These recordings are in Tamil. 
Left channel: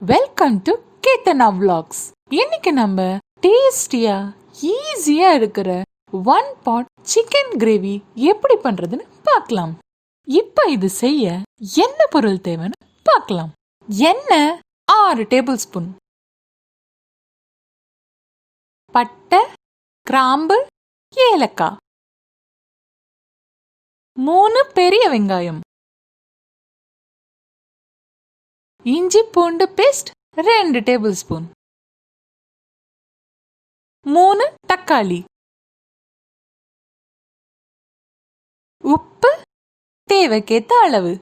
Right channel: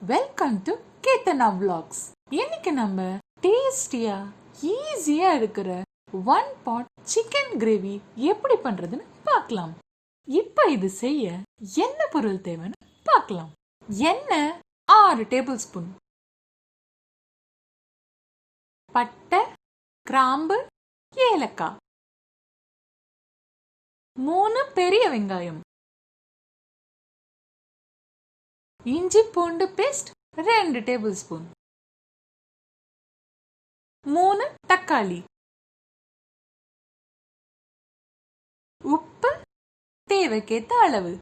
Welcome to kethana.vlogs. இன்னைக்கு நம்ம டேஸ்டியா ஈஸியா இருக்கிற ஒன் பாட் சிக்கன் கிரேவி எப்படி பண்றதுன்னு பார்க்கலாம். இப்ப இது செய்ய என்ன பொருள் தேவைன்னு பார்க்கலாம். எண்ணெய் 6 டேபிள் ஸ்பூன், பட்டை, கிராம்பு, ஏலக்காய், 3 பெரிய வெங்காயம், இஞ்சி பூண்டு பேஸ்ட் 2 டேபிள் ஸ்பூன், 3 தக்காளி, உப்பு தேவைக்கேத்த அளவு,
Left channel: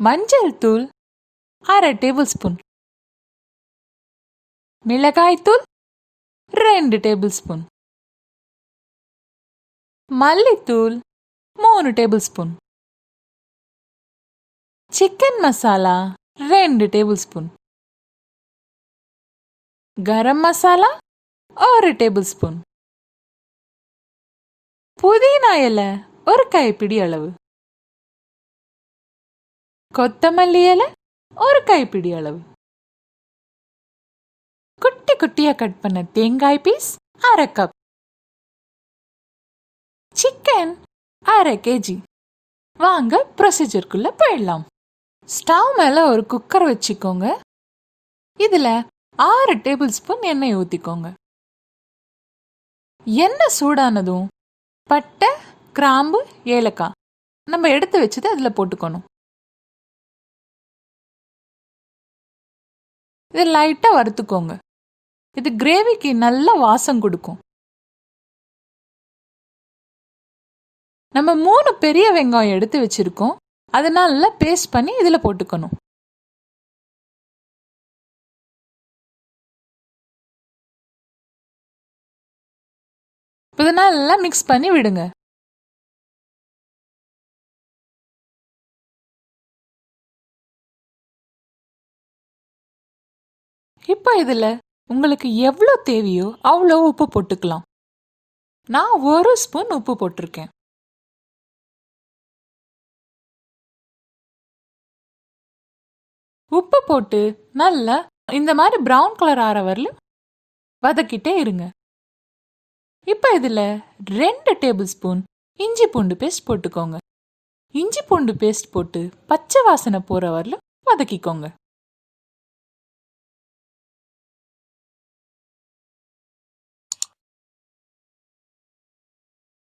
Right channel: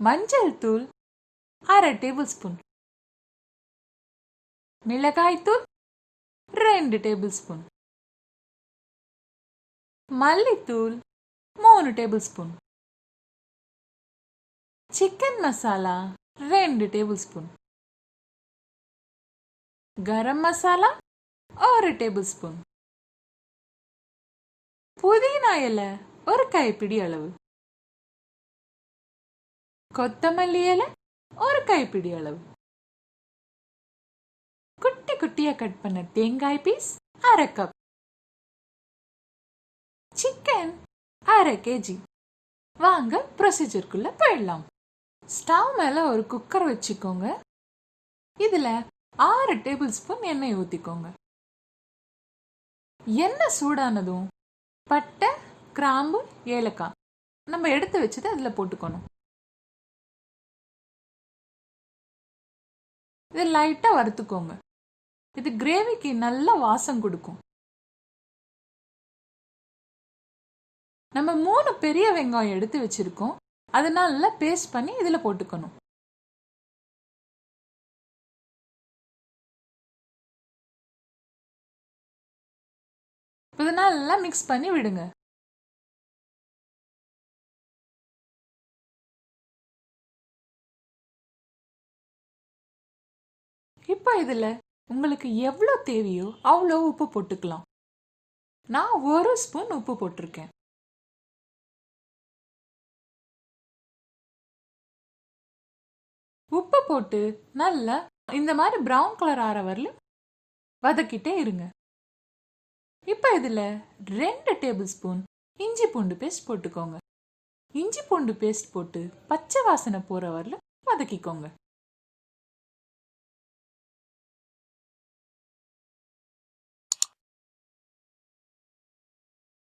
மஞ்சள் தூள் 1/2 டேபிள் ஸ்பூன், மிளகாய் தூள் 2 டேபிள் ஸ்பூன், மல்லித்தூள் 3 tablespoon, chicken masala 2 tablespoon, garam masala 1 tablespoon, புதினா இலை 1 கைப்பிடி அளவு, கொத்தமல்லி இலை 1 கைப்பிடி அளவு, குட்டி குட்டியா கட் பண்ண தேங்காய் பீஸ் 1/2 கப், சிக்கன் 1/2 kg. வாங்க ப்ரொசீஜருக்குள்ள போயிடலாம். ஸ்டவ் மேலே ஒரு குக்கர் வச்சுக்கோங்க. இதில் 6 டேபிள் ஸ்பூன் எண்ணெய் ஊற்றிக்கோங்க. எண்ணெய் சூடானதும் பட்டை, கிராம்பு, ஏலக்காய் நம்ம எடுத்து வச்சது அதில் போட்டுக்கணும். இது லைட்டாக வறுத்துக்கோங்க. இது கிரேவிக்கு நல்ல வாசம் கொடுக்கும். நம்ம 3 பெரிய வெங்காயம் எடுத்து வச்சிருக்கோம். அதனால பேஸ்ட் பண்ணி இதில் போட்டுக்கணும். இதனால நல்லா மிக்ஸ் பண்ணி விடுங்க. இப்போ இதில் உங்களுக்கு எவ்வளோ தேவையோ அவ்வளோ உப்பு போட்டுக்கலாம். நான் 1 ஸ்பூன் உப்பு போட்டிருக்கேன். உப்பு போட்டு நல்லா இந்த மாதிரி ப்ரௌன் கலர் ஆற வரலும் வதக்கிட்டே இருங்க. இப்போ இதில் 2 டேபிள் ஸ்பூன் இஞ்சி பூண்டு பேஸ்ட் போட்டுக்கோங்க. இஞ்சி பூண்டு பேஸ்ட் போட்டு பச்சை வாசனை போகிற வரலும் வதக்கிக்கோங்க.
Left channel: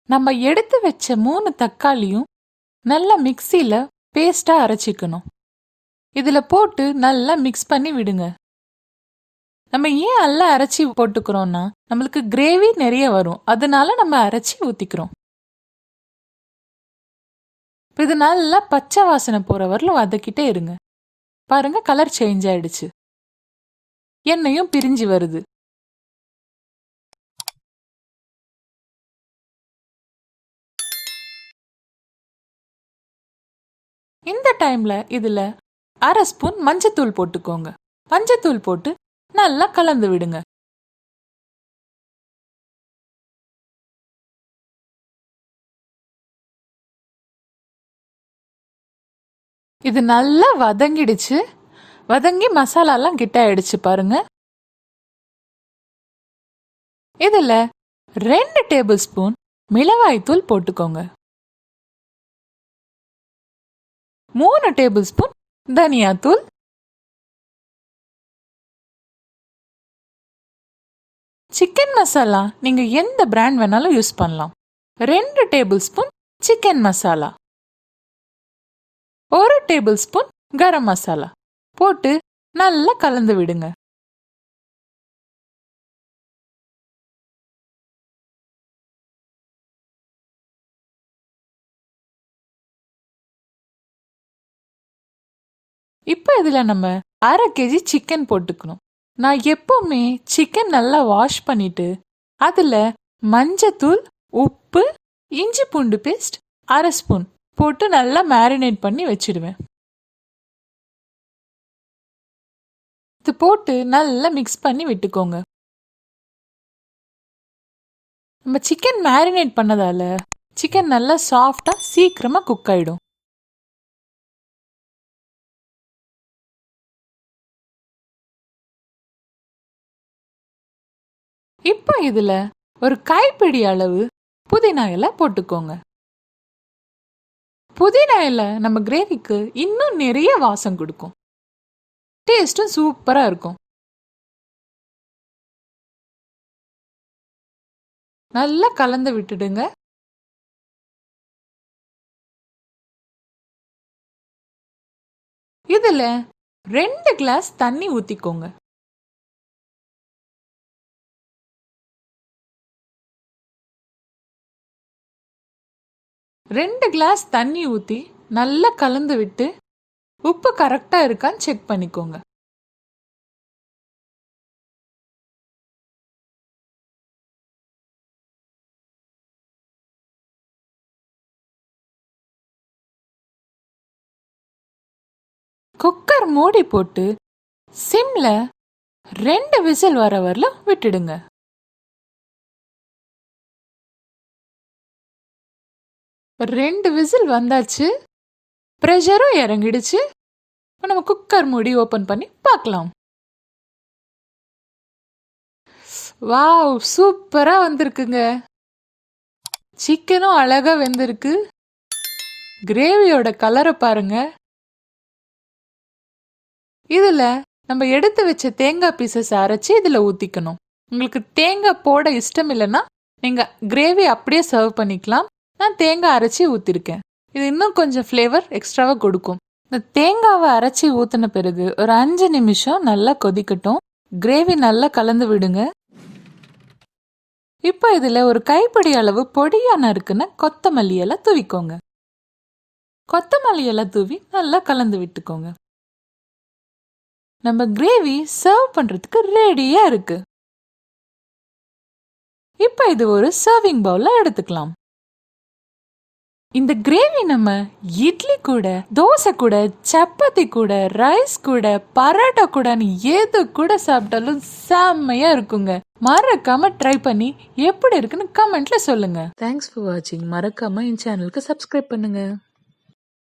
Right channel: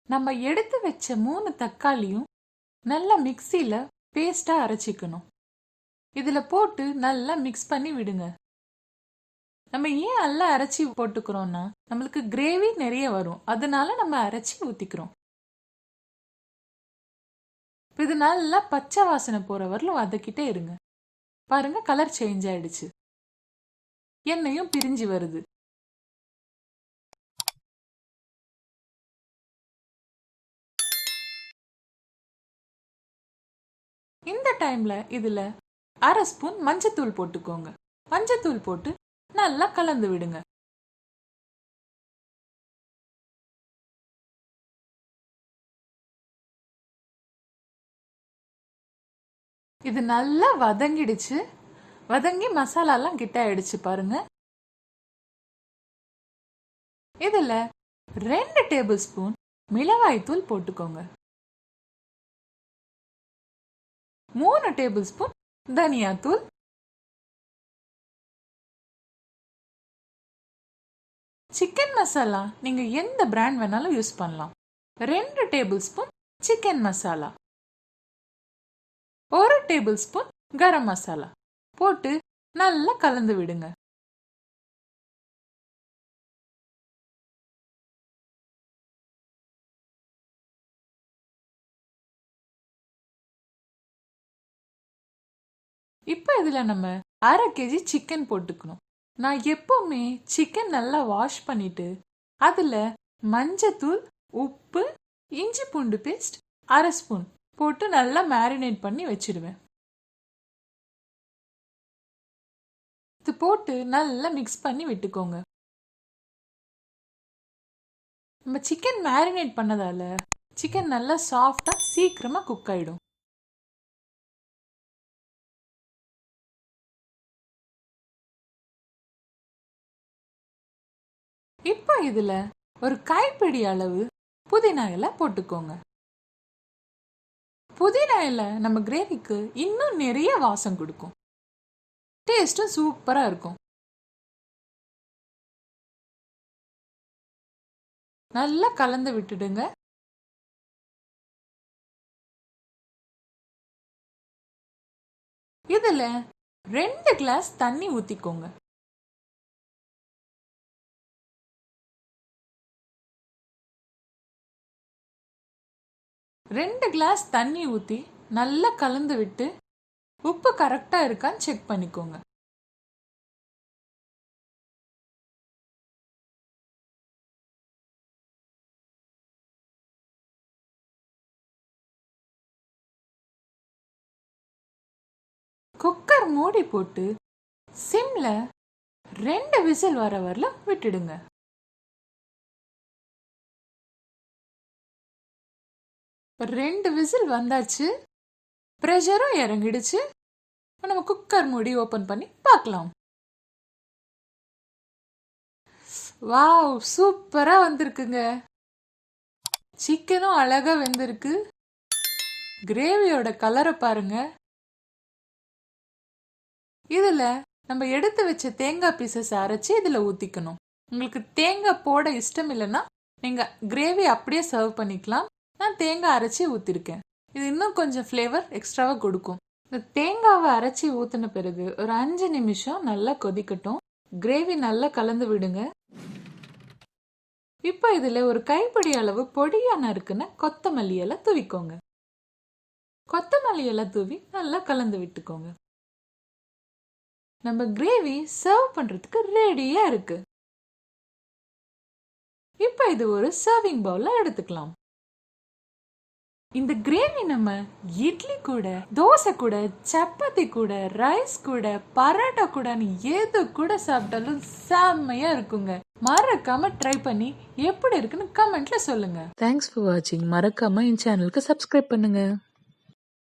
நம்ம எடுத்து வச்ச 3 தக்காளியும் நல்லா மிக்சியில் பேஸ்ட்டாக அரைச்சிக்கணும். இதில் போட்டு நல்லா மிக்ஸ் பண்ணி விடுங்க. நம்ம ஏன் நல்லா அரைச்சி போட்டுக்கிறோம்னா நம்மளுக்கு கிரேவி நிறைய வரும். அதனால நம்ம அரைச்சி ஊற்றிக்கிறோம். இது நல்லா பச்சை வாசனை போகிற வரலும் வதக்கிட்டே இருங்க. பாருங்க, கலர் சேஞ்ச் ஆயிடுச்சு. எண்ணெயும் பிரிஞ்சு வருது. இந்த டைம்ல இதுல 1/2 ஸ்பூன் மஞ்சத்தூள் போட்டுக்கோங்க. மஞ்சத்தூள் போட்டு நல்லா கலந்து விடுங்க. இது நல்லா வதங்கிடுச்சு. வதங்கி மசாலாலாம் கிட்ட ஆயிடுச்சு பாருங்க. இதுல 2 டேபிள் ஸ்பூன் மிளகாய் தூள் போட்டுக்கோங்க. 3 டேபிள் ஸ்பூன் தனியாத்தூள், சிக்கன் மசாலா நீங்க எந்த பிராண்ட் வேணாலும் யூஸ் பண்ணலாம். 2 tablespoon chicken masala, 1 tablespoon garam masala போட்டு நல்லா கலந்து விடுங்க. இப்போ இதில் நம்ம 1/2 kg சிக்கன் போட்டுக்கணும். நான் எப்பவுமே சிக்கன் நல்லா வாஷ் பண்ணிட்டு அதில் மஞ்சத்தூள், உப்பு, இஞ்சி பூண்டு பேஸ்ட் 1/2 ஸ்பூன் போட்டு நல்லா மேரினேட் பண்ணி வச்சிடுவேன். இது போட்டு நல்லா மிக்ஸ் பண்ணி விட்டுக்கோங்க. நம்ம சிக்கன் மேரினேட் பண்ணதால சிக்கன் நல்லா சாஃப்டாக சீக்கிரமாக குக் ஆகிடும். இப்போ இதுல ஒரு கைப்பிடி அளவு புதினா இலை போட்டுக்கோங்க. புதினா இலை நம்ம கிரேவிக்கு இன்னும் நிறைய வாசம் கொடுக்கும். டேஸ்டும் சூப்பரா இருக்கும். நல்லா கலந்து விட்டுடுங்க. இதுல 2 கிளாஸ் தண்ணி ஊத்திக்கோங்க. ரெண்டு கிளாஸ் தண்ணி ஊத்தி நல்லா கலந்து விட்டு உப்பு கரெக்டா இருக்கான்னு செக் பண்ணிக்கோங்க. குக்கர் மூடி போட்டு சிம்ல 2 விசில் வர வரல விட்டுடுங்க. ரெண்டு விசில் வந்தாச்சு, ப்ரெஷரும் இறங்கிடுச்சு. நம்ம குக்கர் மூடி ஓபன் பண்ணி பார்க்கலாம். வாவ், சூப்பரா வந்திருக்குங்க. சிக்கனும் அழகா வெந்திருக்கு. கிரேவியோட கலரை பாருங்க. இதுல நம்ம எடுத்து வச்ச தேங்காய் பீசஸ் அரைச்சி இதுல ஊத்திக்கணும். உங்களுக்கு தேங்காய் போட இஷ்டம் இல்லைன்னா நீங்க கிரேவி அப்படியே சர்வ் பண்ணிக்கலாம். நான் தேங்காய் அரைச்சி ஊத்திருக்கேன். இது இன்னும் கொஞ்சம் ஃப்ளேவர் எக்ஸ்ட்ராவா கொடுக்கும். இந்த தேங்காவை அரைச்சி ஊத்தின பிறகு ஒரு 5 நிமிஷம் நல்லா கொதிக்கட்டும். கிரேவி நல்லா கலந்து விடுங்க. இப்போ இதுல ஒரு கைப்பிடி அளவு பொடியா நறுக்குன கொத்தமல்லி இலை தூவிக்கோங்க. கொத்தமல்லி இலை தூவி நல்லா கலந்து விட்டுக்கோங்க. நம்ம கிரேவி சர்வ் பண்றதுக்கு ரெடியா இருக்கு. இப்போ இது ஒரு சர்விங் பவுல்ல எடுத்துக்கலாம். இந்த கிரேவி நம்ம இட்லி கூட, தோசை கூட, சப்பாத்தி கூட, ரைஸ் கூட, பரோட்டா கூட எது கூட சாப்பிட்டாலும் செம்மையா இருக்குங்க. மறக்காம ட்ரை பண்ணி எப்படி இருக்குன்னு கமெண்ட்ல சொல்லுங்க. தேங்க்ஸ் ஃபார் வாட்சிங். மறக்காம என் சேனலுக்கு சப்ஸ்கிரைப் பண்ணுங்க.